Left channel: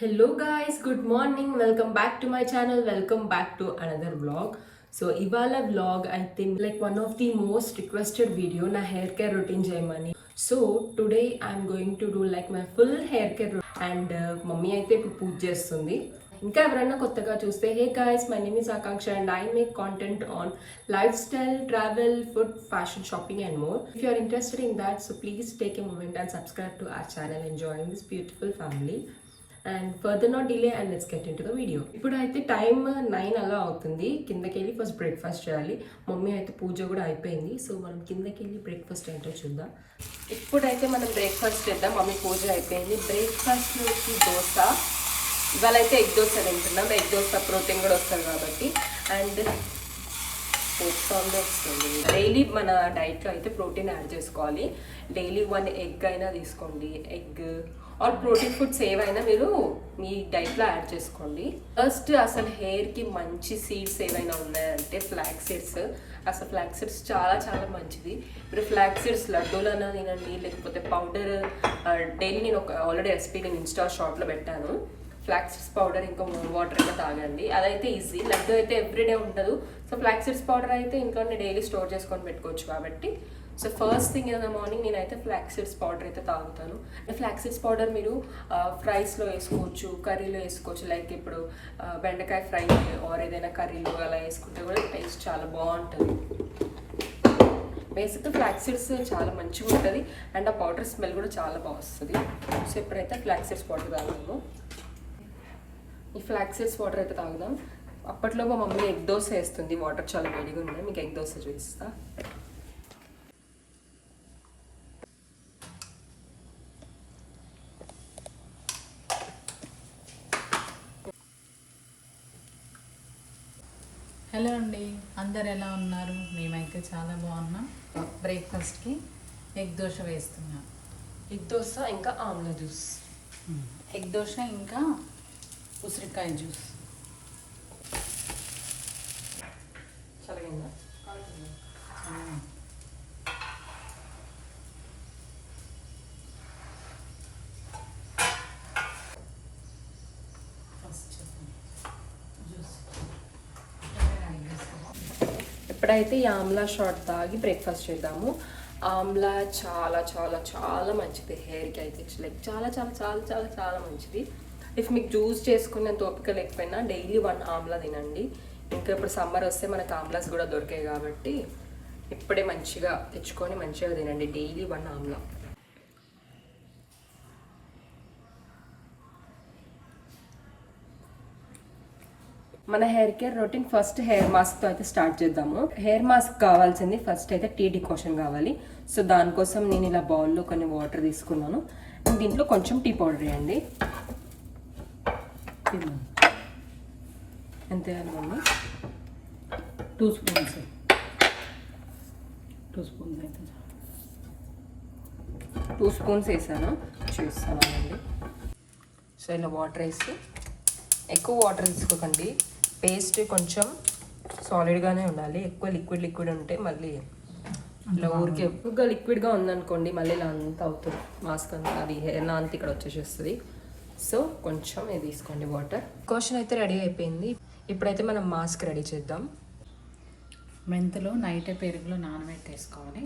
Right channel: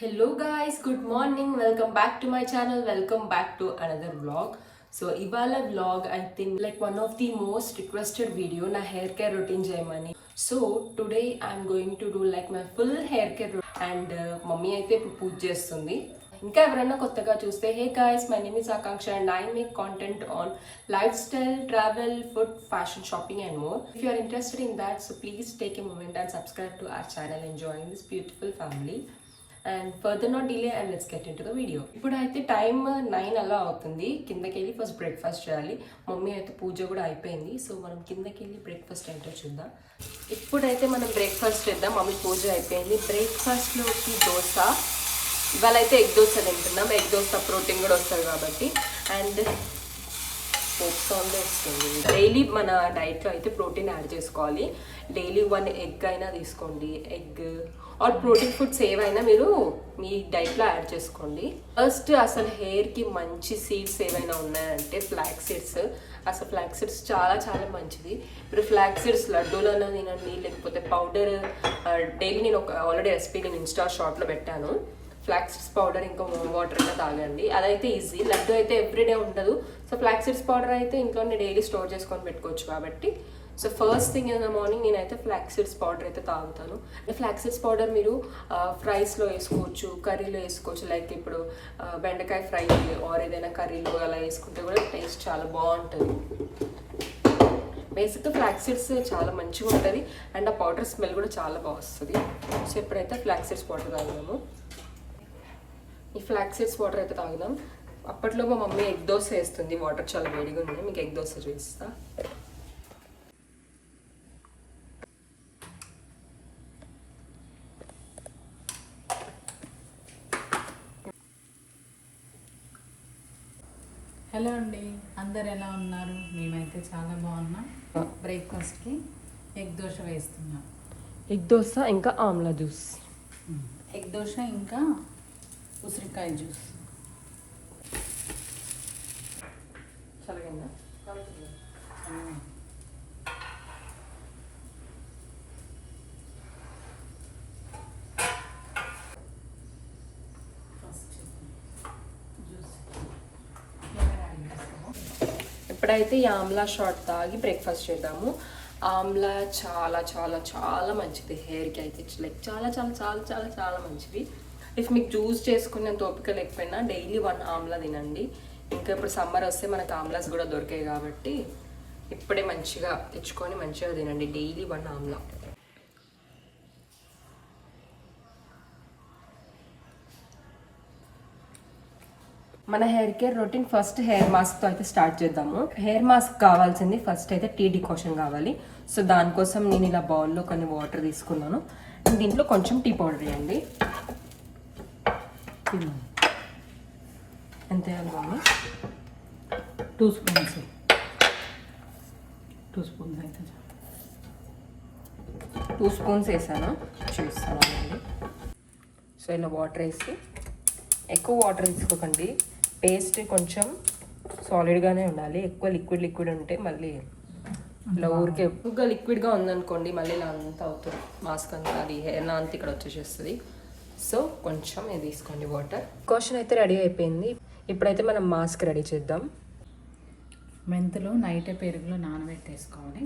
Hello guys, good morning. Welcome back to my channel. Welcome back to another vlog. So ivala vlog I think like one of the most requested video na hair care routine చేయమని. So today I'm going to do like my full hair care routine and mummy అయితే ఇప్పుడు పూజ చేస్తుంది. ఇంకా ఎవరైనా కొత్తగా చూస్తే హే guys, my name is Akanksha and I make content on lifestyle, travel, food, fashion, shopping and more. If you are interested in that, so please take a moment and subscribe to our channel and join this beautiful family. And further not delay and let's get in to the video. ఇప్పుడు అయితే time 9 అలా అవుతుంది. కిందకి వెళ్ళి first breakfast చేయాలి. Mummy అయితే పూజ కూడా అయిపోయింది. సో మనం కిందకి వెళ్ళి బ్రేక్ఫాస్ట్ ఏంటో చూద్దాం. ఇప్పుడైతే మనం బ్రేక్ఫాస్ట్ చేద్దాం. మమ్మీ పూజ అయిపోయింది. బ్రేక్ఫాస్ట్లోకి దోశ. ఇవాళ అయితే ఎగ్ దోశ తింటున్నాం. ఎగ్ దోశ ప్రోటీన్ కూడా వస్తుంది కాబట్టి అండ్ వస్తుంది. డైలీ మన డైట్లో అయితే ప్రోటీన్ యాడ్ చేసుకోవాలి. డైలీ 1 ఎగ్ అయినా తీసుకోండి. ఎగ్ ఆర్ ప్రోటీన్ ఫుడ్స్ ఏవైనా మీరు మీ డైట్లో యాడ్ చేసుకోండి. ఫస్ట్ అసలు హెయిర్కి మంచి సీడ్స్ ఏవైనా ఉన్నాయంటే ఫ్లాక్స్ సీడ్స్. అసలు ఫ్లాక్స్ సీడ్స్ చాలా చాలా మంచిది. మీరు ఫ్లాక్స్ సీడ్స్ లడ్డూలన్నా తినండి, లేకపోతే పౌడర్ డైలీ నేను ఆల్రెడీ రెసిపీ నేను ఇన్స్టా షార్ట్లో పెట్టాను. ఫ్లాక్స్ సీడ్స్ పౌడర్ ఇంకా వాటర్ ఇంకా తాగండి. అదైతే ఈజీ. లడ్డు అయితే ఎవ్రీడే ఉండదు. సో ఫ్లాక్స్ సీడ్స్ పౌడర్ అయితే ఇంట్లోనే డైలీ స్టోర్ చేసుకొని పెట్టుకోవచ్చు కాబట్టి. So first thing in the morning నేనైతే ఫ్లాక్స్ సీడ్స్ పౌడర్ అయితే తాగుతాను. ఫ్లాక్స్ సీడ్స్ పౌడర్ మీరు ఫ్రైస్లో వేసుకోవచ్చు, కర్రీలో వేసుకోవచ్చు. లైక్ ఇప్పుడు బెండకాయ ఫ్రై ఆర్ ఏదైనా కర్రీలో అలా వేసుకుంటే కూడా టేస్ట్ చాలా బాగుంటుంది. బేసిక్గా ఫ్లాక్స్ సీడ్స్ చాలా మంచిగా ఉంటుంది అండ్ ఆ పౌడర్ స్మెల్ కూడా చాలా బాగా వస్తుంది. సో ఇప్పుడైతే ఫ్లాక్స్ సీడ్స్ పౌడర్ తాగుదాము. ఈ ఫ్లాక్స్ సీడ్స్ వాటర్ అయితే తాగుదాం. అప్పట్లో మా మమ్మీ ఎగ్ దోశ వేస్తుంది. వాటర్ చాలా వేడిగా ఉన్నాయి. మీకు ఎగ్ దోశ చూపిస్తా. హలో అండి, అందరు ఎలా ఉన్నారు? మేమైతే చాలా బాగున్నాం. బ్రేక్ఫాస్ట్కి ఎగ్ దోశ వేస్తున్నాం. ఎగ్ దోశ ఇంకా ఆమ్లా జ్యూస్. ఎగ్ దోశ ఇంకా ఉసిరికాయ జ్యూస్. చల్లగా ఇప్పుడైతే ఈ ఆమ్లా షార్ట్ తాగి బ్రేక్ఫాస్ట్ చేద్దాము. ఆమ్లా చాలా చాలా చాలా మంచిది హెయిర్కి అయితే. లైక్ చాలా చాలా చాలా చాలా చాలా మంచిది. ఇఫ్ మీకు జ్యూస్ చేసుకునేంత ఓపిక లేకపోయినా డైలీ 1 ఆమ్లా తినండి. ఇంకా ఇప్పుడు సమ్మర్ వస్తే మనకు ఆమ్లాస్ కూడా దొరికాయి కాబట్టి ఇప్పుడే మంచిగా తెచ్చుకొని మంచిగా తినండి. డైలీ 1 ఆమ్లా. మన hair care routine first hair మాస్క్తో అయితే స్టార్ట్ చేద్దాము. హెయిర్ మాస్క్ కావాల్సింది ఫస్ట్ అయితే టీ డికాషన్ కావాలి. సో దానికోసం నేను ఇలా బౌల్లో కొన్ని వాటర్ తీసుకున్నాను. దీంట్లో కొంచెం టీ పౌడర్ వేయండి. ఎంత వేయాలి మమ్మీ? 2 స్పూన్స్. 2 స్పూన్స్ అయితే 2 స్పూన్స్ వేసాను. చూస్తానండి. సో ఇలా వాటర్ వేసి, ఎక్కువ వాటర్ తీసుకోకండి. పేస్ట్ కొంచెం సాలిడ్గానే ఉండాలి. ఎక్కువ లిక్విడ్ ఉంటే మళ్ళీ ఇలా ఊరికే ఎక్కువగా లిక్విడ్గా ఉందనుకోండి మళ్ళీ ఇలా అంతా అవుతుంది మాస్క్ అంతా. అది హెయిర్ అంతా ఇక్కడ వచ్చేసేస్తుంది. సో కొంచెం ఇది తీసుకోండి వాటర్. క్వశ్చన్ అయితే రెడీ అయిపోయింది. ఇప్పుడైతే మనం మాస్క్ రెడీ చేద్దాం. మెంతులు నైటే పెరుగులో నానబెట్టేసుకోవాలి.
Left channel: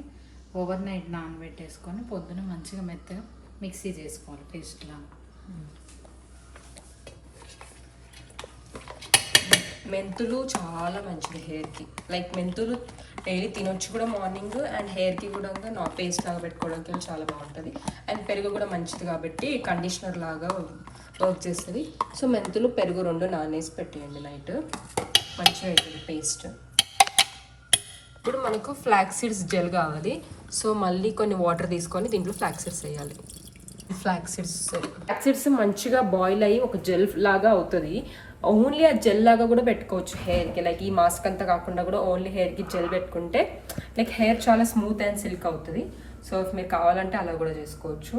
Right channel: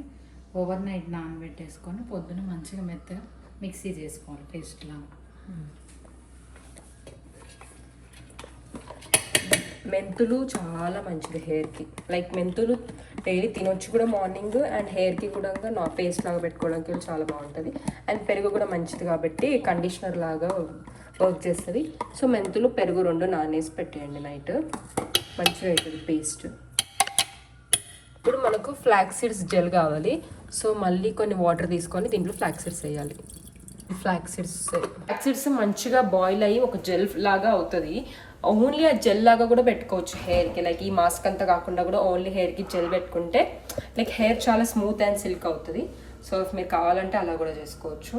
ఓవర్ నైట్ నానబెట్టేసుకొని పొద్దున మంచిగా మెత్తగా మిక్సీ చేసుకోవాలి పేస్ట్ లాగా. మెంతులు చాలా మంచిది హెయిర్కి. లైక్ మెంతులు డైలీ తినొచ్చు కూడా మార్నింగ్. అండ్ హెయిర్కి కూడా నా పేస్ట్ లాగా పెట్టుకోవడానికి చాలా బాగుంటుంది. అండ్ పెరుగు కూడా మంచిది కాబట్టి కండిషనర్ లాగా వర్క్ చేస్తుంది. సో మెంతులు పెరుగు 2 నానేసి పెట్టేయండి నైట్. మంచిగా అవుతుంది పేస్ట్. ఇప్పుడు మనకు ఫ్లాక్స్ సీడ్స్ జెల్ కావాలి. సో మళ్ళీ కొన్ని వాటర్ తీసుకొని దీంట్లో ఫ్లాక్స్ సీడ్స్ వేయాలి. ఫ్లాక్స్ సీడ్స్ మంచిగా బాయిల్ అయ్యి ఒక జెల్ లాగా అవుతుంది. ఓన్లీ ఆ జెల్ లాగా కూడా పెట్టుకోవచ్చు హెయిర్కి. లైక్ ఈ మాస్క్ అంతా కాకుండా కూడా ఓన్లీ హెయిర్కి జెల్ పెట్టుకుంటే లైక్ హెయిర్ చాలా స్మూత్ అండ్ సిల్క్ అవుతుంది. సో మీరు కావాలంటే అలా కూడా చేసుకోవచ్చు.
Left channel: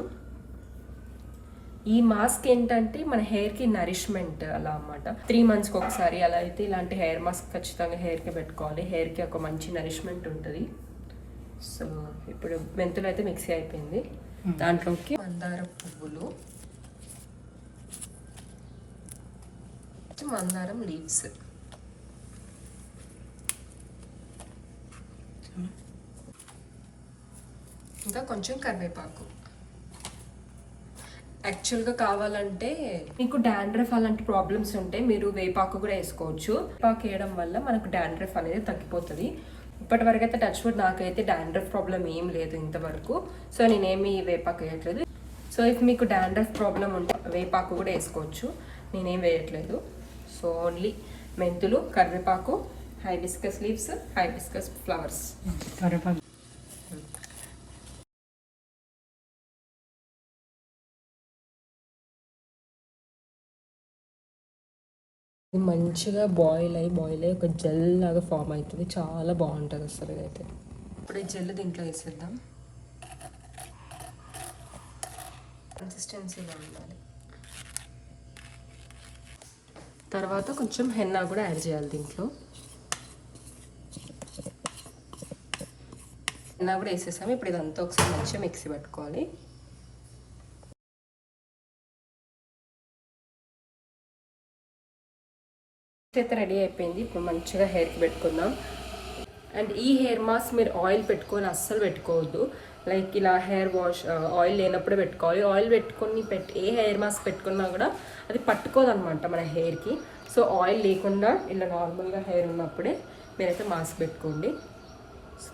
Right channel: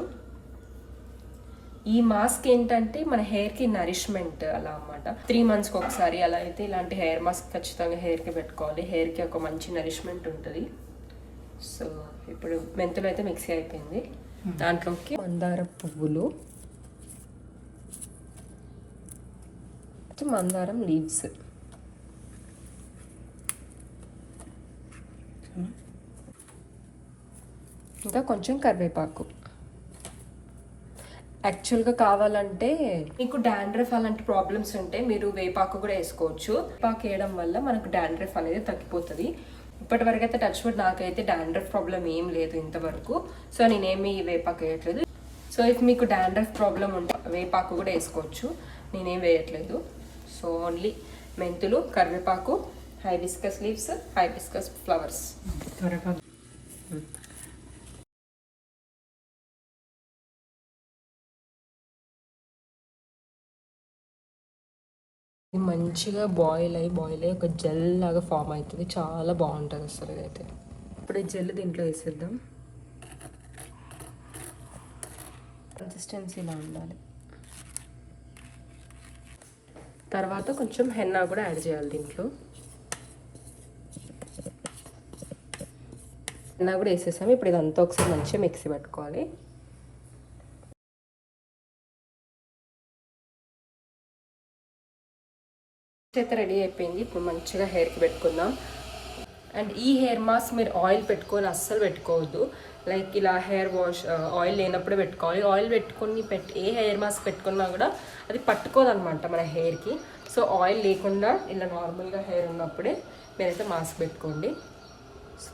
ఈ మాస్క్ ఏంటంటే మన హెయిర్కి నరిష్మెంట్ అలా అన్నమాట. 3 monthsకి ఒకసారి అలా అయితే ఇలాంటి హెయిర్ మాస్క్ ఖచ్చితంగా హెయిర్కి పెట్టుకోవాలి. హెయిర్కి ఒక మంచి నరిష్మెంట్ ఉంటుంది. సో ఇప్పుడు మెంతులు అయితే మిక్సీ అయిపోయింది. దాంట్లోకి మందార పువ్వులు, మందారం లీవ్స్, ఇంకా కొంచెం కరివేపాకు. యాక్చువల్గా కావాలంటే మీకు డాండ్రఫ్ అలాంటి ప్రాబ్లమ్స్ ఉంటే మీరు వేపాకు కూడా వేసుకోవచ్చు. వేపాకు వేయడం వల్ల మనకు డాండ్రఫ్ అనేది తగ్గిపోతుంది. ఇప్పటి వరకు అయితే టచ్ వుడ్ నాకైతే డాండ్రఫ్ ప్రాబ్లం ఏం లేదు ఇంతవరకు. సో నేనేమి వేపాకు వేయట్లేదు. సో ఇఫ్ మీకు డాండ్రఫ్ ప్రాబ్లం ఉంటే వేపాకు కూడా వేసుకోవచ్చు, నేనేం వేయట్లేదు. సో ఓన్లీ మెంతులు, కరివేపాకు, హైబిస్కస్ లీవ్స్, హైబిస్కస్ ఫ్లవర్స్. మంచిగా బాయిల్ అయ్యి ఒక జెల్ లాగా ఫామ్ అవుతుంది. చాలా బాగుంటుంది అసలు ఇదైతే. ఇప్పుడు ఈ జెల్ దీంట్లో వేసేద్దాం. కన్సిస్టెన్సీ ఇలా ఉండాలి. తర్వాత కొంచెం హెన్నా కూడా యాడ్ చేయాలి దీంట్లో. హెన్నా కూడా వేసేసాము. ఇప్పుడు ఇదంతా ఒకసారి మంచిగా మిక్సీ పెట్టుకోవాలి. అయితే రెడీ అయిపోయింది. ఇప్పుడు మంచిగా హెయిర్కి పెట్టుకుందాం. అండ్ ఈ హెయిర్ మాస్క్ మీరు ఆయిల్ పెట్టుకొని అస్సలు పెట్టుకోవద్దు. లైక్ ఇలా హెయిర్ వాష్ ఆయిల్ లేనప్పుడే పెట్టుకోవాలి. ఆయిల్ పెట్టుకొని ఏ హెయిర్ మాస్క్ పెట్టుకున్నా కూడా అది పట్టుకోదనమాట మన హెయిర్కి. సో ఆయిల్ లేకుండా ఇలా నార్మల్గా హెయిర్ ఉన్నప్పుడే మీరైతే మాస్క్ పెట్టుకోండి. సో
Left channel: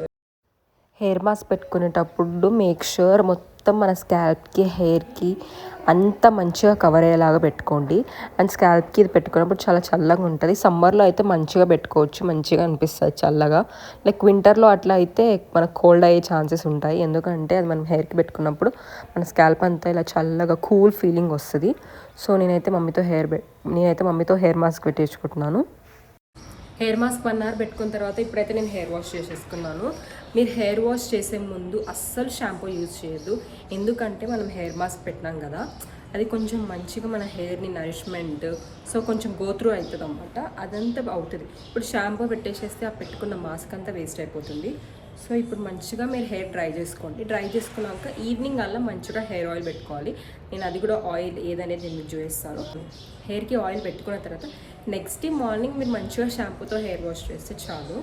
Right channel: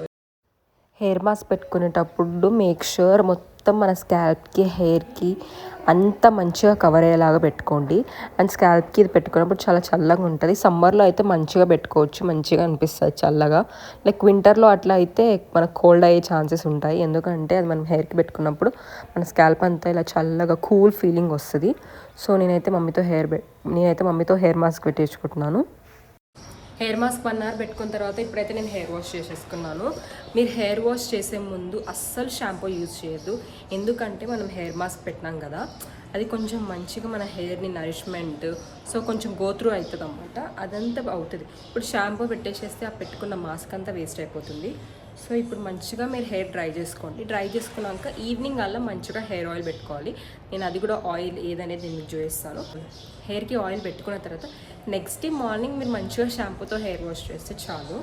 హెయిర్ మాస్క్ పెట్టుకునేటప్పుడు మేక్ ష్యూర్ మొత్తం మన స్కాల్ప్కి, హెయిర్కి అంతా మంచిగా కవర్ అయ్యేలాగా పెట్టుకోండి. అండ్ స్కాల్ప్కి ఇది పెట్టుకున్నప్పుడు చాలా చల్లగా ఉంటుంది. సమ్మర్లో అయితే మంచిగా పెట్టుకోవచ్చు, మంచిగా అనిపిస్తుంది చల్లగా. లైక్ వింటర్లో అట్లా అయితే మనకు కోల్డ్ అయ్యే ఛాన్సెస్ ఉంటాయి. ఎందుకంటే అది మనం హెయిర్కి పెట్టుకున్నప్పుడు మన స్కాల్ప్ అంతా ఇలా చల్లగా కూల్ ఫీలింగ్ వస్తుంది. సో నేనైతే మమ్మీతో హెయిర్ మాస్క్ పెట్టించుకుంటున్నాను. హెయిర్ మాస్క్ 1 అవర్ పెట్టుకున్న తర్వాత ఇప్పుడైతే నేను హెయిర్ వాష్ చేసేసుకున్నాను. మీరు హెయిర్ వాష్ చేసే ముందు అస్సలు షాంపూ యూజ్ చేయొద్దు. ఎందుకంటే మనం హెయిర్ మాస్క్ పెట్టినాం కదా, అది కొంచెం మంచిగా మన హెయిర్ని నరిష్మెంట్, సో కొంచెం గో త్రూ అవుతుంది అన్నమాట. అదంతా అవుతుంది. ఇప్పుడు షాంపూ పెట్టేసేస్తే ఆ పెట్టుకున్న మాస్క్ అంతా వేస్ట్ అయిపోతుంది. సో ఇప్పుడు మంచిగా మీరు హెయిర్ డ్రై చేసుకోండి. డ్రై చేసుకున్నాక ఈవినింగ్ అలా మంచిగా హెయిర్ ఆయిల్ పెట్టుకోవాలి. నేను అది కూడా ఆయిల్ ఏదనేది నేను చూపిస్తాను. హెయిర్కి ఆయిల్ పెట్టుకున్న తర్వాత నెక్స్ట్ డే మార్నింగ్ మీరు మంచిగా షాంపూతో హెయిర్ వాష్ చేస్తే చాలు.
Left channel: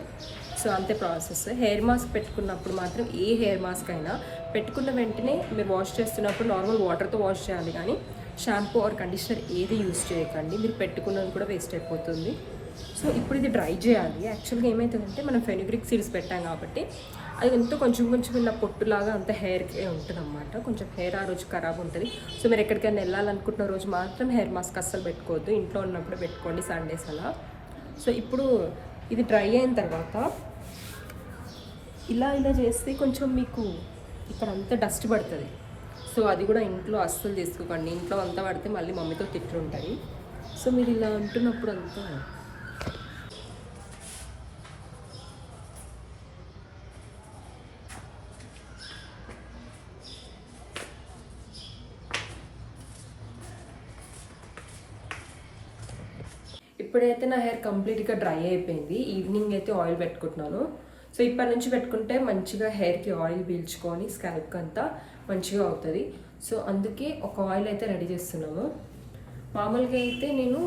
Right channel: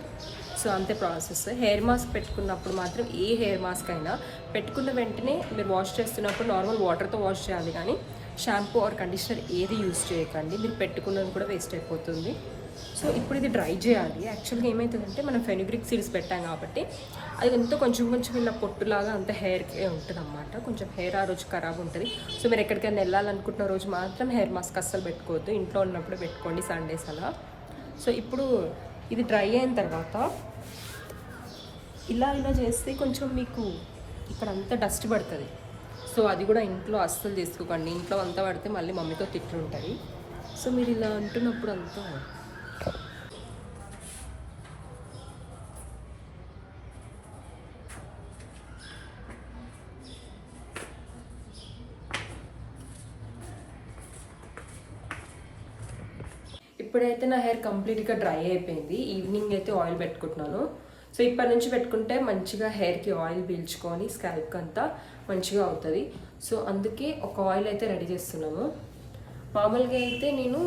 సో అంతే ప్రాసెస్. హెయిర్ మాస్క్ పెట్టుకున్నప్పుడు మాత్రం ఏ హెయిర్ మాస్క్ అయినా పెట్టుకున్న వెంటనే మీరు వాష్ చేస్తున్నప్పుడు నార్మల్ వాటర్తో వాష్ చేయాలి, కానీ షాంపూ ఆర్ కండిషనర్ ఏది యూజ్ చేయకండి. మీరు పెట్టుకున్నది కూడా వేస్ట్ అయిపోతుంది. సో ఇప్పుడు ఇది డ్రై చేయాలి. యాక్చువల్గా ఏమవుతుందంటే మనం ఫెనుగ్రిక్ సీడ్స్ పెట్టాం కాబట్టి అది ఎంతో కొంచెం ఇలా పొట్టులాగా అంత హెయిర్కి ఉంటుంది అన్నమాట. కొంచెం హెయిర్ ఆ రోజు ఖరాబ్ ఉంటుంది. సో మీరు ఎక్కడికైనా వెళ్ళాలనుకుంటున్న రోజు మాత్రం హెయిర్ మాస్క్ అస్సలు పెట్టుకోవద్దు. ఇంట్లో ఉన్నప్పుడు పెట్టుకోండి సండేస్ అలా. సో ఇప్పుడు ఇది డ్రై అయిన తర్వాత ఇలా చేస్తే కొంచెం మీకు ఇక్కడ అంతా డస్ట్ పడుతుంది. సో అది కూడా ఇంట్లో అస్సలు చేసుకోకండి. ఇంట్లో అంతా పడితే మళ్ళీ మమ్మీతో తిట్లు ఉంటాయి. సో మీరు ఇలా అంటున్నప్పుడు అంతా ఇప్పుడైతే నా హెయిర్ కంప్లీట్గా డ్రై అయిపోయింది. ఈవినింగ్ అయితే ఆయిల్ పెట్టుకుంటున్నాను. సో ఇప్పటి నుంచి పెట్టుకుంటే మంచిగా హెయిర్కి ఆయిల్ పీల్చుకొని స్కాల్ప్కి అంతా మంచిగా అవుతుంది. సో అందుకే ఒక ఆయిల్ అయితే రెడీ చేస్తున్నాము. మామూలుగా అయితే నేను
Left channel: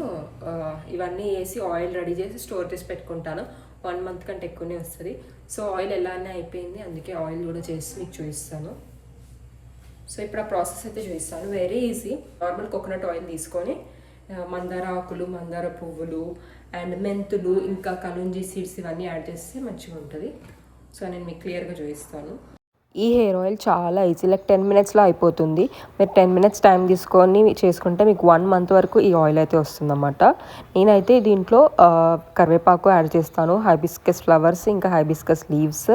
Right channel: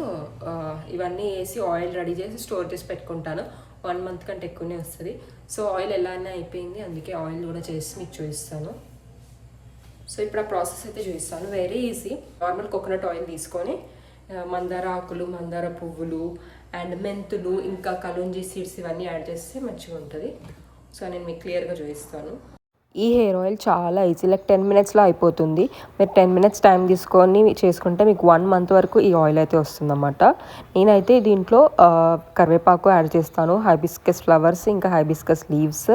ఇవన్నీ వేసి ఆయిల్ రెడీ చేసి స్టోర్ చేసి పెట్టుకుంటాను. 1 మంత్ కంటే ఎక్కువనే వస్తుంది. సో ఆయిల్ ఎలానే అయిపోయింది, అందుకే ఆయిల్ కూడా చేసి మీకు చూపిస్తాను. సో ఇప్పుడు ఆ ప్రాసెస్ అయితే చూపిస్తాను. Very easy. Normal coconut oil తీసుకొని మందార ఆకులు, మందార పువ్వులు అండ్ మెంతులు, ఇంకా కలుంజీ సీడ్స్ ఇవన్నీ యాడ్ చేస్తే మంచిగా ఉంటుంది. సో నేను మీకు క్లియర్గా చూపిస్తాను. ఈ హెయిర్ ఆయిల్ చాలా ఈజీ, లైక్ 10 మినిట్స్లో అయిపోతుంది. మీరు 10 మినిట్స్ టైం తీసుకొని చేసుకుంటే మీకు 1 మంత్ వరకు ఈ ఆయిల్ అయితే వస్తుందన్నమాట. నేనైతే దీంట్లో కరివేపాకు యాడ్ చేస్తాను, హైబిస్కస్ ఫ్లవర్స్, ఇంకా హైబిస్కస్ లీవ్స్,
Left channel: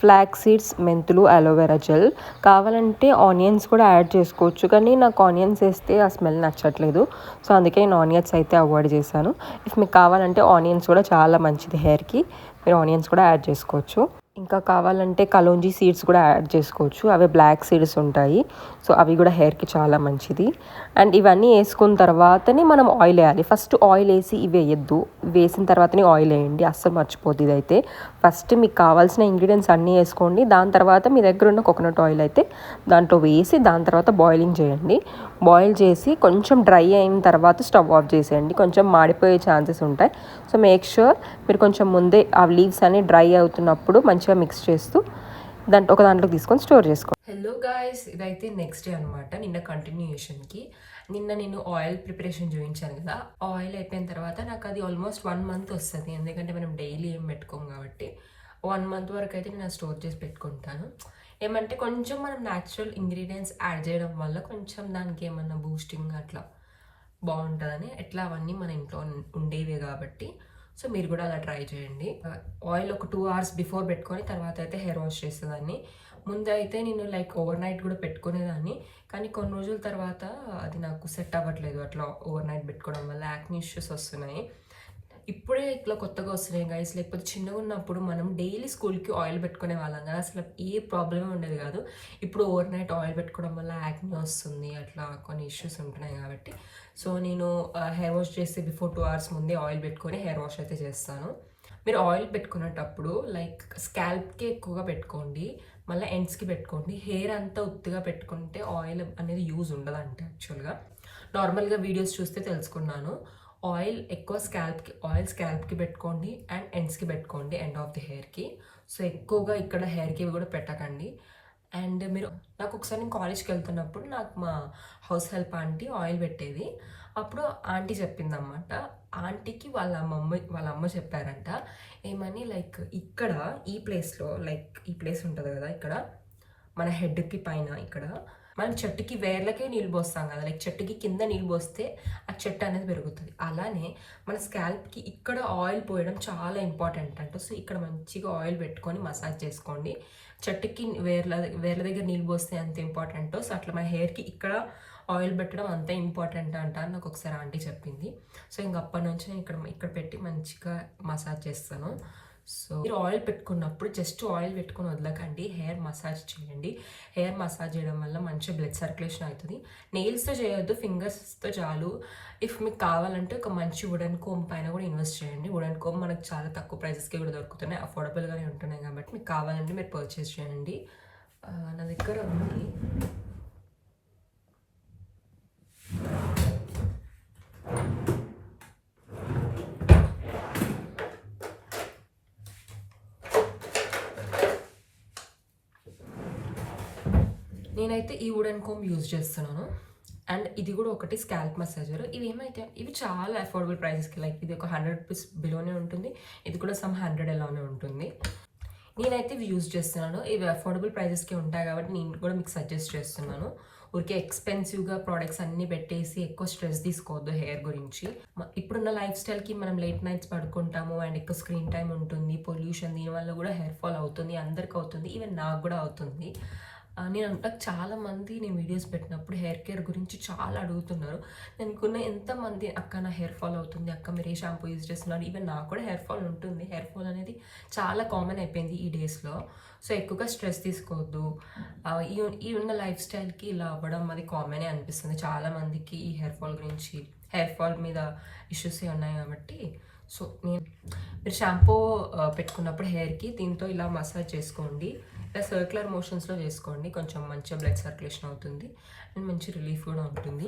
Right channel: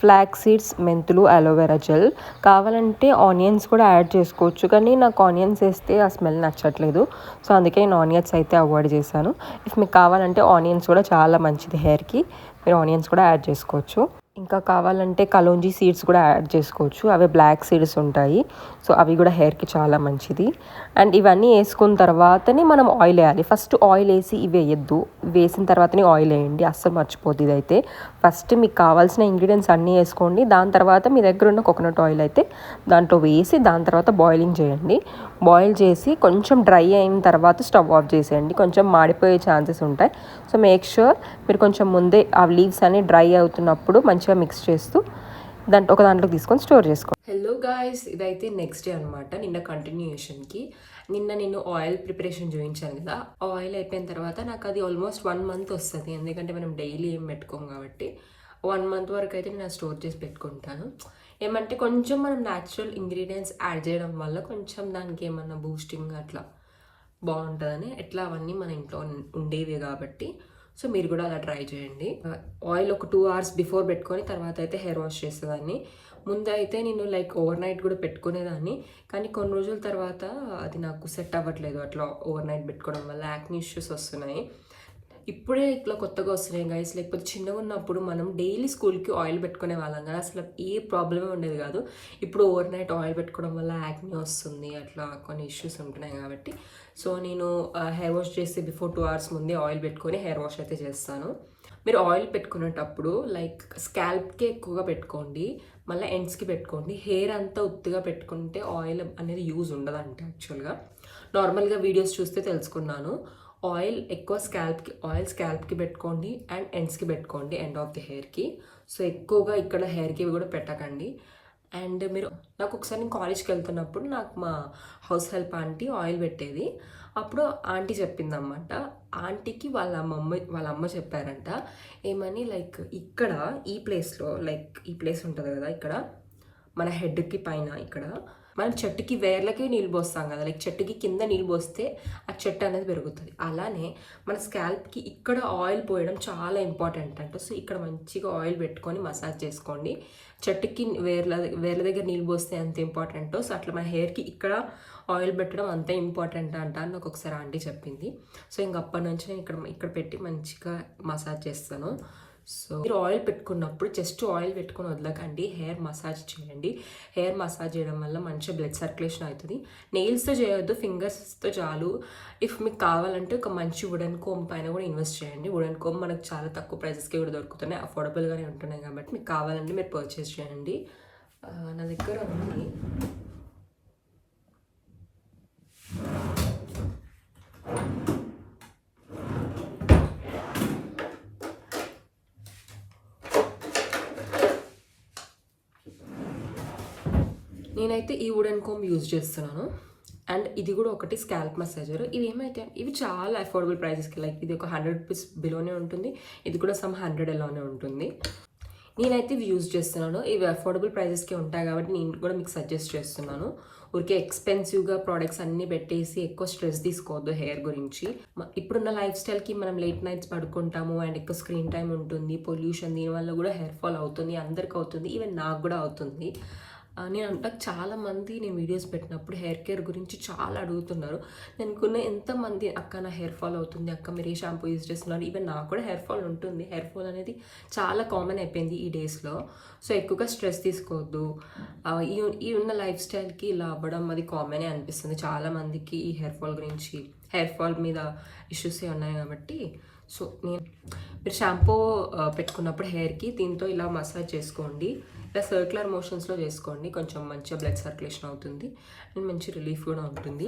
ఫ్లాక్స్ సీడ్స్, మెంతులు, అలోవెరా జెల్. కావాలంటే ఆనియన్స్ కూడా యాడ్ చేసుకోవచ్చు, కానీ నాకు ఆనియన్స్ వేస్తే ఆ స్మెల్ నచ్చట్లేదు. సో అందుకే నేను ఆనియన్స్ అయితే అవాయిడ్ చేశాను. ఇఫ్ మీకు కావాలంటే ఆనియన్స్ కూడా చాలా మంచిది హెయిర్కి, మీరు ఆనియన్స్ కూడా యాడ్ చేసుకోవచ్చు. ఇంకా కావాలంటే కలోంజీ సీడ్స్ కూడా యాడ్ చేసుకోవచ్చు. అవి బ్లాక్ సీడ్స్ ఉంటాయి. సో అవి కూడా హెయిర్కి చాలా మంచిది. అండ్ ఇవన్నీ వేసుకున్న తర్వాతనే మనం ఆయిల్ వేయాలి. ఫస్ట్ ఆయిల్ వేసి ఇవి వేయద్దు, వేసిన తర్వాతనే ఆయిల్ వేయండి. అస్సలు మర్చిపోద్ది ఇదైతే. ఫస్ట్ మీకు కావాల్సిన ఇంగ్రీడియంట్స్ అన్నీ వేసుకోండి. దాని తర్వాత మీ దగ్గర ఉన్న కోకోనట్ ఆయిల్ అయితే దాంట్లో వేసి దాని తర్వాత బాయిలింగ్ చేయండి. బాయిల్ చేసి కొంచెం డ్రై అయిన తర్వాత స్టవ్ ఆఫ్ చేసేయండి. కొంచెం మాడిపోయే ఛాన్సెస్ ఉంటాయి. సో మేక్ ష్యూర్ మీరు కొంచెం ముందే ఆ లీవ్స్ అన్ని డ్రై అవుతున్నప్పుడు మంచిగా మిక్స్ చేస్తూ ఒక దాంట్లోకి తీసుకొని స్టోర్ చేసుకోండి. హలో గాయ్స్, ఇదైతే నెక్స్ట్ డే అనమాట. నిన్న కంటిన్యూషన్కి నేను ఆయిల్ ప్రిపరేషన్ చూపించాను కదా. ఆయిల్ అయిపోయిన తర్వాత నాకు అది ఆల్మోస్ట్ 1 month వస్తుంది. ఎందుకంటే మనం డైలీ ఏం పెట్టుకోం కాబట్టి 1 month వరకు అయితే నేను స్టోర్ చేసి పెట్టుకుంటాను. ఏమంటే కొంచెం మనం న్యాచురల్ ఇంగ్రీడియంట్స్ యాడ్ చేయడం వల్ల కొంచెం దానికి ఏమన్నా బూస్టింగ్ అట్లా బాగుంటుందని, ఎట్లా అవన్నీ మన ఇంట్లో ఉండేవి కాబట్టి సో మీరు కూడా అలా ట్రై చేయండి. ఆయిల్ ఒక 2 hours బిఫోర్ పెట్టుకొని తర్వాత అయితే హెయిర్ వాష్ చేసేదాన్ని. ముందు అయితే నేను లైక్ ఓవర్ నైట్ కూడా పెట్టుకునేదాన్ని, కానీ కొన్ని రోజుల తర్వాత అది నాకు సెట్ అవ్వట్లేదు. అట్లా ఓవర్ నైట్ పెట్టుకోవడం వల్ల యాక్ని ఇష్యూస్ వస్తున్నాయి. ఇప్పుడే ఇట్లా కొత్తగా వస్తున్నాయి గైస్. లేకపోతే చిన్నగా ఉన్నప్పుడు మనం డైలీ స్కూల్కి ఆయిల్ పెట్టుకునే వాళ్ళం కదా, అసలు ఏ ప్రాబ్లమే ఉండేది కాదు. ఇప్పుడు ఓవర్ నైట్ ఆయిల్ పెట్టుకోవడం వల్ల యాక్ని వస్తుంది, అట్లా కొన్ని ఇష్యూస్ ఉంటున్నాయి కాబట్టి సో నేను హెయిర్ వాష్ చేసి బిఫోర్ 2 hours ముందే ఆయిల్ పెట్టుకొని హెయిర్ వాష్ అయితే చేస్తాను. మీరు ఆయిల్ పెట్టుకునేటప్పుడు లైక్ స్కాల్ప్కి ఎక్కువగా పెట్టుకోండి, మళ్ళీ ఎండ్స్కి పెట్టుకోండి. హెయిర్ అంతా ఉత్తిగా పెట్టుకుంటే ఆయిల్ అనేది యూజ్ ఉండదంటే యాక్చువల్గా నార్మల్గా వీడియోస్ చూస్తే తెలుసుకున్నాను. ఆయిల్ ఎక్కువ స్కాల్ప్కి పెట్టుకోండి అండ్ ఎండ్స్కి పెట్టుకోండి, ఎండ్ ఆఫ్ ది హెయిర్కి. సో ఎక్కువగా ఇక్కడ హెయిర్కి కూడా పెట్టకండి. అండ్ మీరు నాకు ఒకసారి నేను కాలేజ్కి వెళ్తున్నప్పుడు నాకు మా హౌస్ హెల్ప్ ఆంటీ ఆయిల్ పెట్టేది. అప్పుడు ఆంటీ చెప్పిందన్నమాట. ఆంటీకి వాళ్ళ అమ్మ చెప్పారంట ఏమని, లైక్ ఇక్కడ ఈ ప్లేస్లో, లైక్ ఈ ప్లేస్ ఉంటుంది కదా ఇక్కడ మన హెడ్కి పైన, ఇక్కడ మనం చెట్టుకి వేర్లకి నీళ్ళు పోస్తాం కదా, లైక్ చెట్టుకి కింద నీళ్ళు పోస్తే ఆ చెట్టు అనేది పెరుగుతుంది. అలానే మన స్కాల్ప్కి ఇక్కడ ఆయిల్ పోయడం చాలా ఇంపార్టెంట్ అంట. సో ఇక్కడ మంచిగా ఆయిల్ పెట్టుకొని మసాజ్ చేసుకోండి. చెట్టుకి వేర్ల దగ్గర నీళ్ళు పోస్తే అంత ఇంపార్టెంటో సో అట్లా మన హెయిర్కి ఇక్కడ ఆయిల్ పెట్టడం అంతే ఇంపార్టెంట్ అంట అని నాకు ఒకసారి ఆంటీ చెప్పింది. సో ఇంక అప్పటి నుంచి నేను ఇక్కడ పెట్టి మంచిగా మసాజ్ చేస్తాను. సో మీరు ఆయిల్ పెట్టుకున్నప్పుడు జస్ట్ ఆయిల్ పెట్టుకొని వదలకండి, హెయిర్ మసాజ్ చేయండి. హెయిర్ మసాజ్ చేయడం వల్ల మంచిగా బ్లడ్ సర్క్యులేషన్ అవుతుంది. నెయిల్స్తో చేయొద్దు, ఫింగర్స్తో చాలు. ఇఫ్ మీకు కావాలంటే ఒక మంచి వుడెన్ కోమ్ పైన కూడా ఇన్వెస్ట్ చేయండి. వుడెన్ కోమ్ మనకు చాలా తక్కువ ప్రైజెస్కి కూడా దొరుకుతున్నాయి, అఫోర్డబుల్గానే ఉంటున్నాయి కాబట్టి మీకు కావాలంటే మీరు పర్చేస్ చేయండి. నా దగ్గర ఉంది. నేనైతే ఈ వుడెన్ కోమ్ యూజ్ చేస్తున్నాను. అండ్ ఇది కూడా ఒకటి స్కాల్ప్ మసాజర్. ఇవి చాలా అఫోర్డబుల్ ప్రైజెస్కి, లైక్ ఇది ఒక 100 rupees బిలోనే ఉంటుంది, ఇది కూడా సమ్ 100 ఎలానే ఉంటుంది. నేనైతే ఇవి యూజ్ చేస్తున్నాను. ఇవి అఫోర్డబుల్ ప్రైజెస్కి ఉంటాయి కాబట్టి నేను కూడా మీకు సజెస్ట్ చేస్తున్నాను. ఊరికే ఎక్స్పెన్సివ్గా ప్రోడక్ట్స్ అన్నీ పెట్టేసి ఎక్కువ స్ట్రెస్ తీసుకోవద్దు హెయిర్ గురించి. ఇప్పుడున్న లైఫ్ స్టైల్కి మనం లేట్ నైట్స్ పడుకుంటాము అండ్ ఎక్కువ స్క్రీన్ టైం ఉంటుంది, పొల్యూషన్, దీనివల్ల కూడా హెయిర్ ఫాల్ అవుతుంది, అందరికి అవుతుంది, ఈవెన్ నాకు కూడా అవుతుంది. నేను వీడియోస్ పెట్టినప్పుడు హెయిర్ కేర్ గురించి చాలా అడుగుతున్నారు. నేను ఎంతమంది అక్క నా హెయిర్ ఫాల్ అవుతుంది, అక్క మీరు ఏ షాంపూ యూజ్ చేస్తున్నారు, ఈవెన్ నాకు కూడా హెయిర్ ఫాల్ ఉంటుంది. హెయిర్ ఫాల్ అనేది చాలా కామన్ అయిపోయింది ఈ డేస్లో. సో ఎక్కువగా స్ట్రెస్ తీసుకోవద్దు. ఈ ఉన్న లైఫ్ స్టైల్కి ఇలా అవ్వడం అది కామనే అనిపిస్తుంది చాలామందికి. ఈ హెయిర్ ఫాల్ మీద ఇష్యూస్ ఉన్నాయి కాబట్టి సో మీరు షాంపూ పెట్టుకున్నప్పుడు హెయిర్కి దీంతో ఇలా మసాజ్ చేసుకోండి. ఇలా సర్క్యులర్ మోషన్స్లో చేసుకోండి, కొంచెం మంచిగా బ్లడ్ సర్క్యులేషన్ అవుతుంది అండ్ మంచి రిలీఫ్ కూడా ఉంటుంది.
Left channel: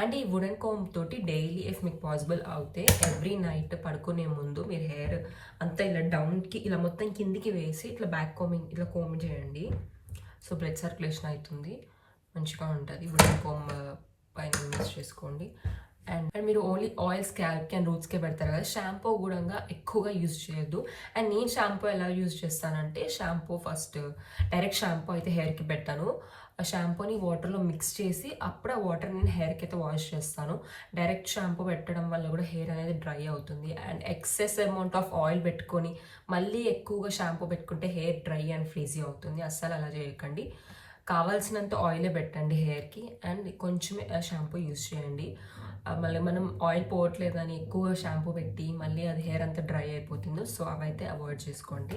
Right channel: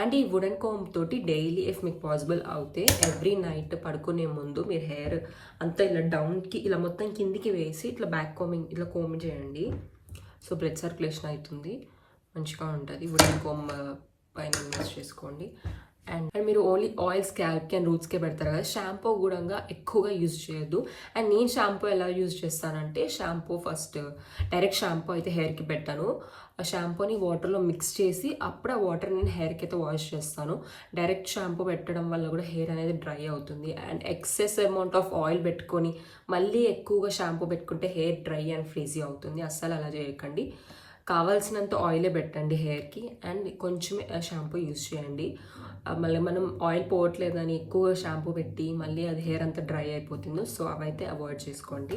అండ్ ఈ వుడెన్ కోమ్ తోటి డైలీ ఇఫ్ మీకు పాసిబుల్ అవుతే ఎవ్రీ నైట్ పడుకునే ముందు మీరు హెయిర్ అంతా ఇలా డౌన్కి ఇలా మొత్తం కిందికి వేసి ఇట్లా బ్యాక్ కోమింగ్ ఇట్లా కోమ్ చేయండి. సో బ్లడ్ సర్క్యులేషన్ అవుతుంది, మంచిగా ఉంటుంది. వుడెన్ కోమ్ పైన యూజ్ చేసుకోండి. అండ్ మీరు ఓన్లీ ఆయిల్ స్కాల్ప్కి అండ్ రూట్స్కే పెడతారు కదా, షాంపూ కూడా ఎక్కువగా యూజ్ చేయొద్దు. అండ్ నేను షాంపూ ఎలా యూజ్ చేస్తానంటే, ఫస్ట్ డైరెక్ట్ షాంపూ అయితే హెయిర్కి పెట్టాను. ఆ షాంపూని వాటర్లో మిక్స్ చేసి అప్పుడు ఆ వాటర్ నేను హెయిర్కి అయితే వాష్ చేస్తాను. డైరెక్ట్ షాంపూ పెట్టడం వల్ల కూడా హెయిర్ అనేది డ్రై అవుతుంది. And excess amount of oil పెట్టుకొని మళ్ళీ ఎక్కువగా షాంపూ పెట్టుకుంటే హెయిర్ డ్రై అండ్ ఫ్రీజీ అవుతుంది. అస్సలు అలా చేయకండి. కావాల్సినంత ఆయిలే పెట్టండి హెయిర్కి అండ్ కొంచెమే షాంపూ యూజ్ చేయండి. మళ్ళీ మనం ఆయిల్ పోవట్లేదని ఎక్కువ షాంపూ పెట్టి మళ్ళీ అది హెయిర్ అంతా డ్రై అయిపోతుందో సో అవైతే అవాయిడ్ చేసుకోండి.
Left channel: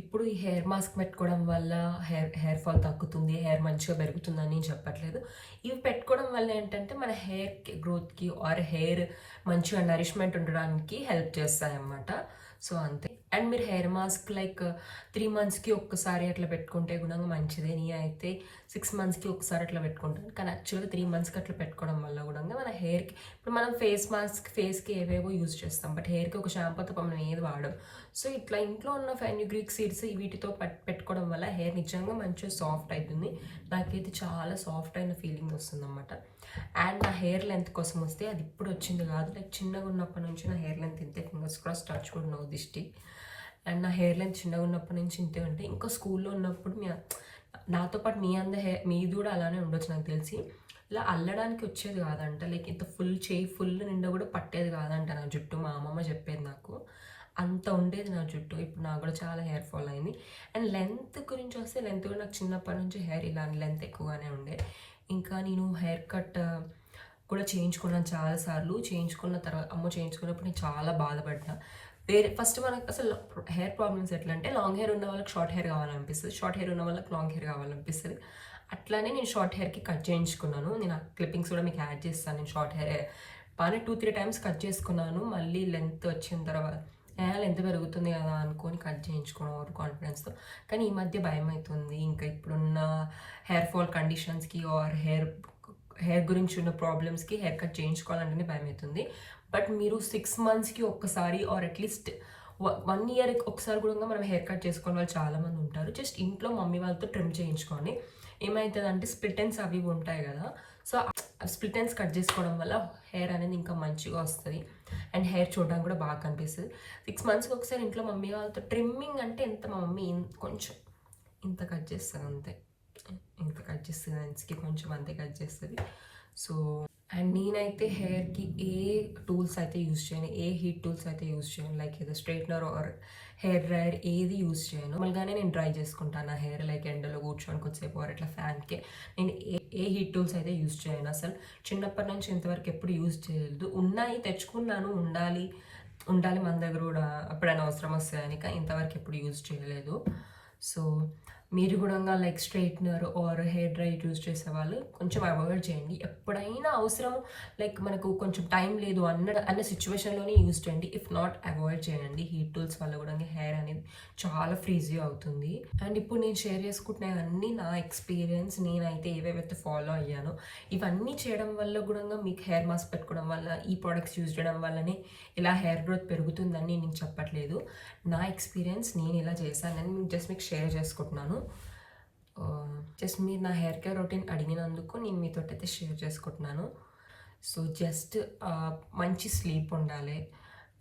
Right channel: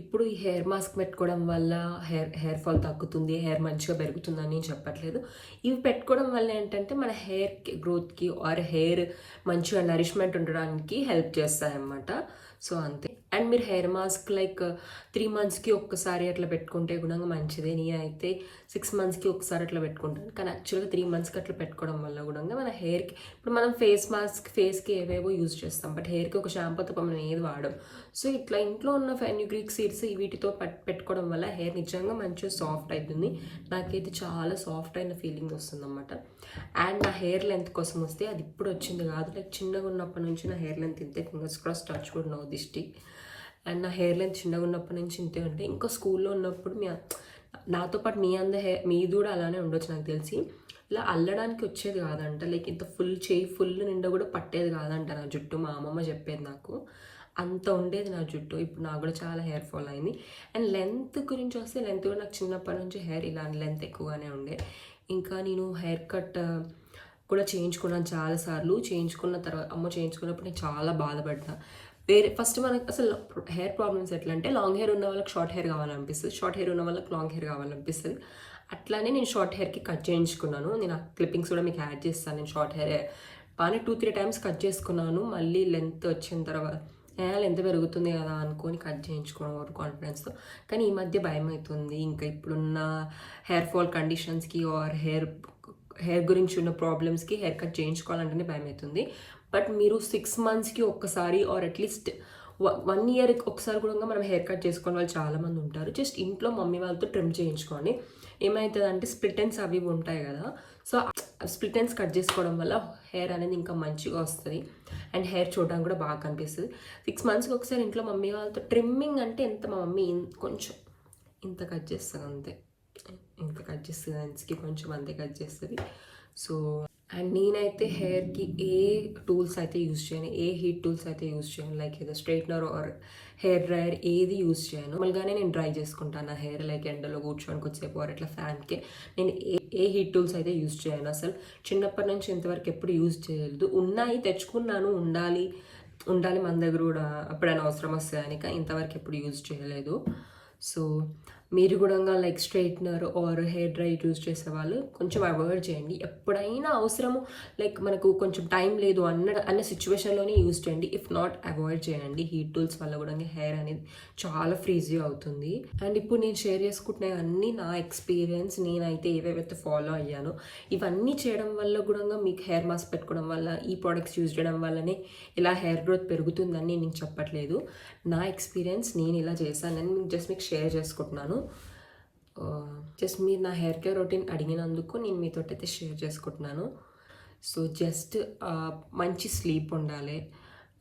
ఇప్పుడు ఈ హెయిర్ మాస్క్ పెట్టుకోవడం వల్ల హెయిర్ ఫాల్ తగ్గుతుంది, హెయిర్ మంచిగా పెరుగుతుందని నేను చెప్పట్లేదు. ఇవి పెట్టుకోవడం వల్ల ఏంటంటే మన హెయిర్ గ్రోత్కి ఆర్ హెయిర్ మంచిగా నరిష్మెంట్ ఉండడానికి హెల్ప్ చేస్తాయన్నమాట. సో అంతే. అండ్ మీరు హెయిర్ మాస్క్ లైక్ 3 monthsకి ఒక్కసారి అట్లా పెట్టుకుంటే కూడా మంచిదే. నేనైతే 6 monthsకి ఒకసారి అట్లా పెట్టుకుంటాను. కానీ యాక్చువల్గా 3 monthsకి అట్లా పెట్టుకోవడం వల్ల కూడా మన హెయిర్కి, ఇప్పుడు మనం ఫేస్కి ఏవేవో యూజ్ చేస్తాం, బట్ హెయిర్కి ఒక షాంపూ తప్ప మనం ఏది వాడడం. సో ఇట్లా ఇంట్లో ఉన్న ఫెన్యుగ్రీక్ సీడ్స్ వీటితో పెట్టుకోవడం వల్ల హెయిర్ నిజంగా మంచిగా సాఫ్ట్ అవుతుంది. నాకైతే చాలా సాఫ్ట్ అయిన ఫీలింగ్ వస్తుంది అన్నమాట. అండ్ నా హెయిర్ లెంత్ కోసం వస్తే అది ఇప్పుడు వచ్చింది కాదు, లైక్ చిన్నగా ఉన్నప్పటి నుంచి నా హెయిర్ లెంత్ ఇంతే. ఫింగర్స్ క్రాస్, టచ్ కూడా నో దిష్టి. అండ్ నా హెయిర్ లెంత్ చిన్నగా ఉన్నప్పటి నుంచి ఇంతే ఉంటే, ఇంకా స్కూల్లో ఉన్నప్పుడు నాతో పాటు మీది కూడా అలానే ఉండొచ్చు నాకు తెలిసి. ఇలా అల్లడానికి వచ్చేది కాదంట, లైక్ ఇంత ఫుల్ నిండా కూడా పట్టేది కాదంట నా జుట్టు. మా అమ్మమ్మ చెప్పేది నాకు. అంత ఉండేది నా జుట్టు. ఇప్పుడు నాకు కూడా చాలా హెయిర్ ఫాల్ అయింది. అండ్ లెంత్ గురించి వస్తే, లెంత్ కూడా నాకు చిన్నప్పటి నుంచి హెయిర్ ఇలాంటి లెంత్ ఎక్కువగానే ఉండే. ఇంకా నేను హెయిర్ కట్ కూడా చేయించుకున్నాను చాలాసార్లు. చేయించుకున్న తర్వాత చేయించుకున్నప్పుడు నేను చాలా బాధపడ్డా. ఫస్ట్ మనకి అసలు హెయిర్ ప్రాబ్లమ్స్ ఎట్లా అంటే, లాంగ్ హెయిర్ ఉన్న వాళ్ళకి షార్ట్ హెయిర్ కావాలనిపిస్తుంది, షార్ట్ హెయిర్ ఉన్న వాళ్ళకి లాంగ్ హెయిర్ కావాలనిపిస్తుంది. అట్లానే నేను షార్ట్ హెయిర్కి కట్ చేయించుకున్నాను. నేను ఆ క్లిప్పింగ్స్ కూడా మీకు యాడ్ చేస్తాను. నేను షార్ట్ హెయిర్ బాగానే 2-3 times కట్ చేసుకున్నాను. మళ్ళీ లెంత్ వచ్చిన తర్వాత లెంత్ పెరుగుతుంది కదా అనుకొని కట్ చేయించుకున్నాను కాన్ఫిడెన్స్తో. కానీ ఈ మధ్య భయం అవుతుంది. ఇంకా ఇప్పుడున్న హెయిర్ ఫాల్ కండిషన్స్కి ఆర్ హెయిర్ గురించి ఉన్న ప్రాబ్లమ్స్కి హెయిర్ కట్ చేయించుకోవాలంటేనే భయం అవుతుంది. బట్ మీరు 6 monthsకి ఒక్కసారి ఆర్ అట్లీస్ట్ 1 yearకి ఒకసారి కూడా మనం హెయిర్ కట్ చేసుకునే వాళ్ళు చాలామంది ఉంటారు. జస్ట్ ఇంట్లో మమ్మీ వాళ్ళతో ట్రిమ్ చేయించుకోండి. ఏమవుతుంది అంటే స్ప్లిట్ ఎండ్స్ అవి ఉంటాయి కదా, సో స్ప్లిట్ ఎండ్స్ కట్ చేసుకోవడం వల్ల హెయిర్ అనేది ఇంకా మంచిగా వస్తుంది అండ్ హెయిర్ చూడడానికి కూడా బాగా కనిపిస్తుంది. 6 monthsకి ఒకసారి ఇంట్లో మమ్మీ వాళ్ళతో ట్రిమ్మింగ్ అంటే ఎంత, మా మమ్మీ కొంచెం ఇంత కట్ చేస్తుంది అంతే, ఇంత కట్ చేస్తుంది ఎండ్స్కి కొంచెం అంతే కట్ చేస్తుంది. సో అండ్ నేనైతే హెయిర్కి ఏ టూల్స్ అయితే యూజ్ చేయను, ఏ హీట్ టూల్స్ అయితే యూజ్ చేయను, లైక్ ఏదో స్ట్రైట్నర్ ఆర్ హెయిర్ డ్రైయర్ ఏది యూజ్ చేయను. మళ్ళీగానే నేను డ్రై చేసుకుంటాను నా హెయిర్, లైక్ ఎండలో కూర్చొని కొద్దిసేపు ఆర్ ఇట్లా ఫ్యాన్కి. నేను ఏ హీట్ టూల్స్ అయితే యూజ్ చేయను అసలు. చిన్నప్పటి నుంచి ఇంతవరకు ఎప్పుడు యూజ్ చేయలేదు. ఉన్నాయి, తెచ్చుకున్నాను, ఉండాలి మన దగ్గర కూడా ఎప్పుడైనా అవసరం వస్తాయని, కానీ ఇంతవరకు ఎప్పుడు యూజ్ చేయలేదు. సో మీరు కూడా like straightener or hair dry use చేసే వాళ్ళు కొంచెం అవాయిడ్ చేయండి. ఎప్పుడైనా అవసరం, లైక్ మనకు కొంచెం టైం లేదు అన్న సిచ్యువేషన్లోనే యూజ్ చేయండి. ఇఫ్ నాట్ అవాయిడ్ చేయండి. హీట్ టూల్స్ వల్ల కూడా హెయిర్ అనేది చాలా ఫ్రీజీ అవుతుంది. అండ్ ఇప్పుడు నేను షేర్ చేసుకుంటున్నాయి అన్నీ నా ఎక్స్పీరియన్స్, నేనైతే ఏవేవైతే ఫాలో అయ్యానో ఇవన్నీ చేయడం వల్ల కూడా మీకు హెయిర్ మాస్క్ పెట్టుకోవడం వల్ల, ఈ ప్రోడక్ట్స్ యూజ్ చేయడం వల్లనే ఇలా హెయిర్ గ్రోత్ పెరుగుతుందని నేను చెప్పట్లేదు. నా ఎక్స్పీరియన్స్, నేను ఇలా చేశానని జస్ట్ మీకు షేర్ చేసుకుంటున్నాను. జస్ట్ మీరు నా హెయిర్ కేర్ రొటీన్ అడిగినందుకు నేను మీతో అయితే షేర్ చేసుకుంటున్నాను. సో జస్ట్ మంచి స్లీప్ ఉండాలి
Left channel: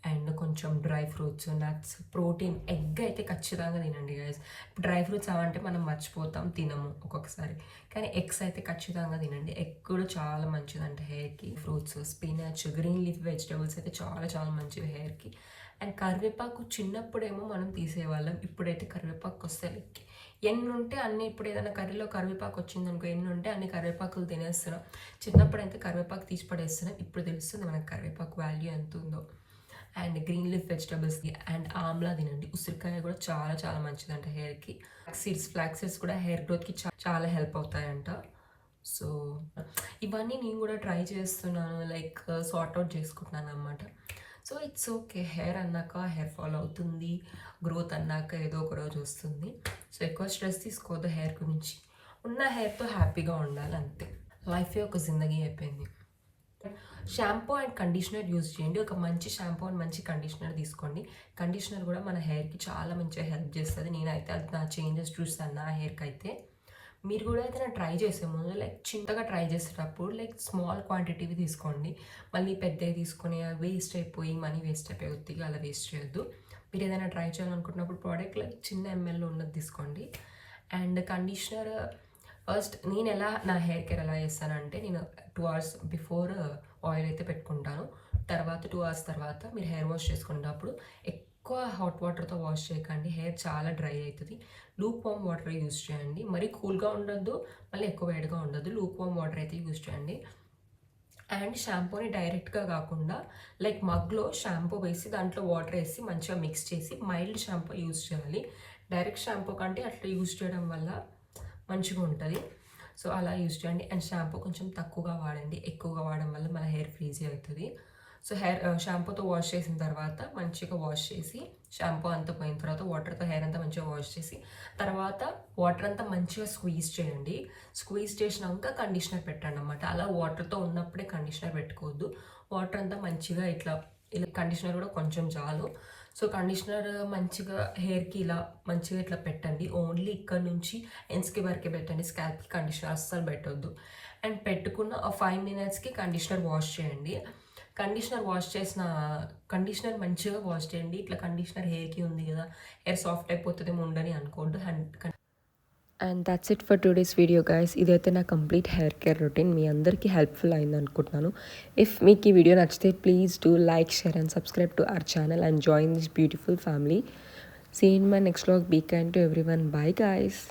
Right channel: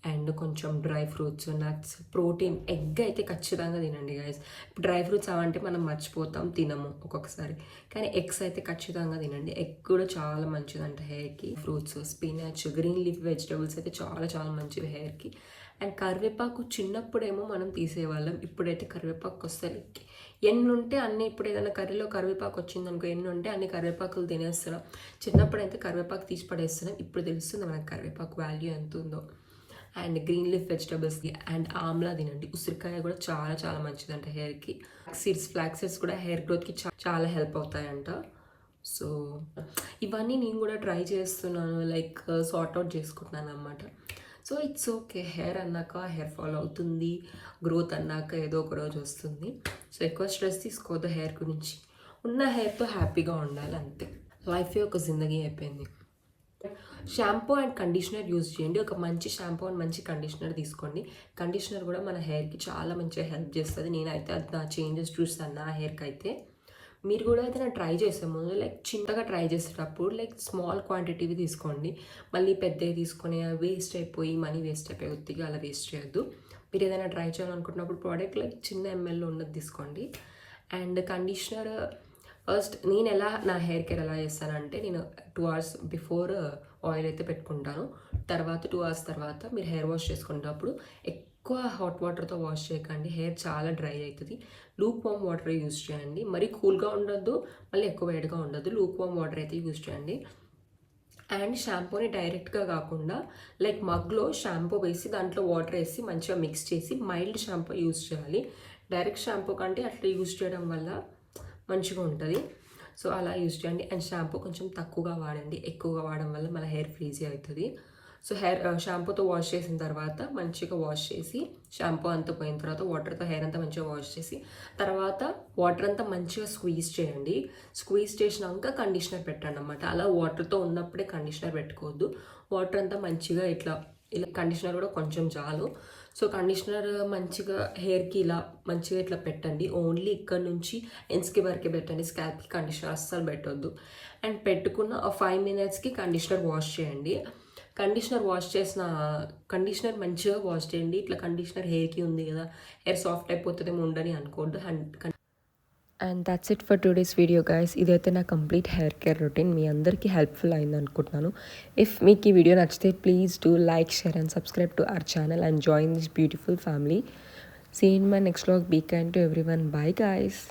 అండ్ కొంచెం dry fruits, nuts, protein, egg అయితే ఖచ్చితంగా తినండి గైస్. డ్రై ఫ్రూట్స్ అవంటే మనం మర్చిపోతాం, తినము ఒక్కొక్కసారి, కానీ ఎగ్స్ అయితే ఖచ్చితంగా తినండి. ఎగ్ కూడా చాలా మంచిదంట హెయిర్కి. Fruits, spinach, green leaf vegetables అయితే చాలా చాలా మంచివి హెయిర్కి. అండ్ కరివేపాకు చిన్నప్పుడేమో మనం తీసేవాళ్ళం, ఇప్పుడైతే కరివేపాకు వస్తే ఎన్ని ఉంటే అన్ని, ఇప్పుడు ఏదైనా కర్రీలో కరివేపాకు వచ్చింది అనుకో, ఎన్ని ఉంటే అన్ని కరివేపాకులు తినేస్తున్నాం. చిన్నప్పుడు అయితే కరివేపాకు తీసి పడేస్తున్నాం. ఇప్పుడు తెలుస్తుంది మనకు కరివేపాకు వాల్యూ ఎంత ఉందో. And green leaf vegetables and Amla తినండి. ఉసిరికాయ కూడా చాలా చాలా మంచిదంట హెయిర్కి. ఫ్లాక్స్ సీడ్స్ కూడా హెయిర్ గ్రోత్కి చాలా హెల్ప్ అవుతాయంట. సో ఇవన్నీ నేను కూడా ట్రై చేస్తున్నాను, లైక్ సార్ట్ అవుట్ చేసుకుంటున్నాను అన్నమాట. So it's okay. హెయిర్ అన్నాక హెయిర్ ఫాల్ అవుతుంది, గ్రోత్ అన్నాక ఏదో ఒక రోజు వస్తుంది. సో ఎక్కువ స్ట్రెస్ తీసుకోవద్దు హెయిర్ గురించి. ఉన్న హెయిర్తో హ్యాపీగా ఉండాలి అంతే. లైఫే ఒక జిందగీ అయిపోయింది. షాంపూ అండ్ కండిషనర్ యూజ్ చేయండి. ఒక మంచి షాంపూ అండ్ మంచి కండిషనర్ తీసుకోండి. కండిషనర్ కూడా మన హెయిర్కి చాలా మంచిగా హెల్ప్ చేస్తుంది. నేనైతే అది నా చేంజెస్ చూస్తాను నా హెయిర్కి అయితే. మీరు కూడా అయితే నేను ట్రై చేసే ముందు లైక్ చిన్నగా ట్రై చేసేటప్పుడు లైక్ స్మాల్ క్వాంటిటీవి తీసుకోండి. మళ్ళీ పెద్దవి తీసుకొని వేస్ట్ అయిపోయి మనీ వేస్ట్ అయిపోయి ఒత్తిగా అలా వేస్ట్ చేయొద్దు. మీరు ఏదైనా ట్రై చేయాలనుకుంటున్నప్పుడు ప్రోడక్ట్ లైక్ చిన్న mlలో ఉన్నది తీసుకోండి. అండ్ కండిషనర్ ఫస్ట్ నేను నా హెయిర్ కేర్ ఎలా చేస్తానంటే, నేను 2 hours బిఫోర్ ఆయిల్ అయితే పెట్టుకుంటాను. తర్వాత 2 hours తర్వాత మీరు హెయిర్ వాష్ చేసుకునేటప్పుడు ఎక్కువ హాట్ వాటర్తో వాష్ చేయకండి, హెయిర్ చాలా డ్రై అవుతుంది. లూక్ వామ్ వాటర్ యూజ్ చేయండి. మరీ కూల్గా ఉండొద్దు, మళ్ళీ ఎక్కువ వేడిగా ఉండొద్దు. లూక్ వామ్ వాటర్ అయితే యూజ్ చేయండి. అండ్ షాంపూని డైరెక్ట్గా కాకుండా లైక్ మగ్లో షాంపూ వేసి దాంట్లో వాటర్ వేసి మంచిగా మిక్స్ చేసి మైల్డ్ షాంపూ యూజ్ చేయాలి. డైరెక్ట్ షాంపూ కంటే అట్లా యూజ్ చేయడం వల్ల మంచిగా ఉంటుంది. సో అలా యూజ్ చేయండి. అండ్ షాంపూ కొంచెం తక్కువగా వాడండి, ఎక్కువగా వాడడం వల్ల మన హెయిర్ ఫ్రీజీ అవుతుంది. సో షాంపూతో వాష్ చేసిన తర్వాత మంచిగా వాష్ చేసి, షాంపూ అంతా పోయిన తర్వాత వాటర్తో హెయిర్ అంతా మంచిగా వాష్ చేసి, తర్వాత వాటర్ అంతా మంచిగా స్క్వీజ్ చేయండి. స్క్వీజ్ చేసినాక కండిషనర్ పెట్టండి అన్నమాట. అలా వాటర్తో ఉన్నప్పుడే కండిషనర్ పెట్టుకోవద్దు. వాటర్ అంతా మంచిగా ఇలా కండిషనర్ కూడా కొంచెం చాలు. సో కండిషనర్ మంచిగా హెయిర్కి ఇలా మంచిగా ఇట్లా పెట్టండి. ఓన్లీ ఇక్కడ నుంచి ఎండ్స్కి వరకే పెట్టండి, స్కాల్ప్కి కండిషనర్ అస్సలు పెట్టొద్దు. అండ్ పెట్టుకున్న 5 minutesకి కండిషనర్ వాష్ చేయండి. కండిషనర్ మంచిగా వాష్ చేయండి. ఇట్లా కండిషనర్ హెయిర్కి ఉంది కదా, హెయిర్ సాఫ్ట్ అయిపోతుందేమో ఉండని అనుకోవద్దు. And that's it for today's video guys. ఇదైతే నా కంప్లీట్ హెయిర్ కేర్ రొటీన్ మీ అందరికీ హెల్ప్ఫుల్ అయింది అనుకుంటున్నాను. ఇఫ్ మీకు ఈ వీడియో నచ్చితే please do like, share and subscribe to our channel and join this beautiful family. See in my next vlog. Be kind to everyone. Bye guys.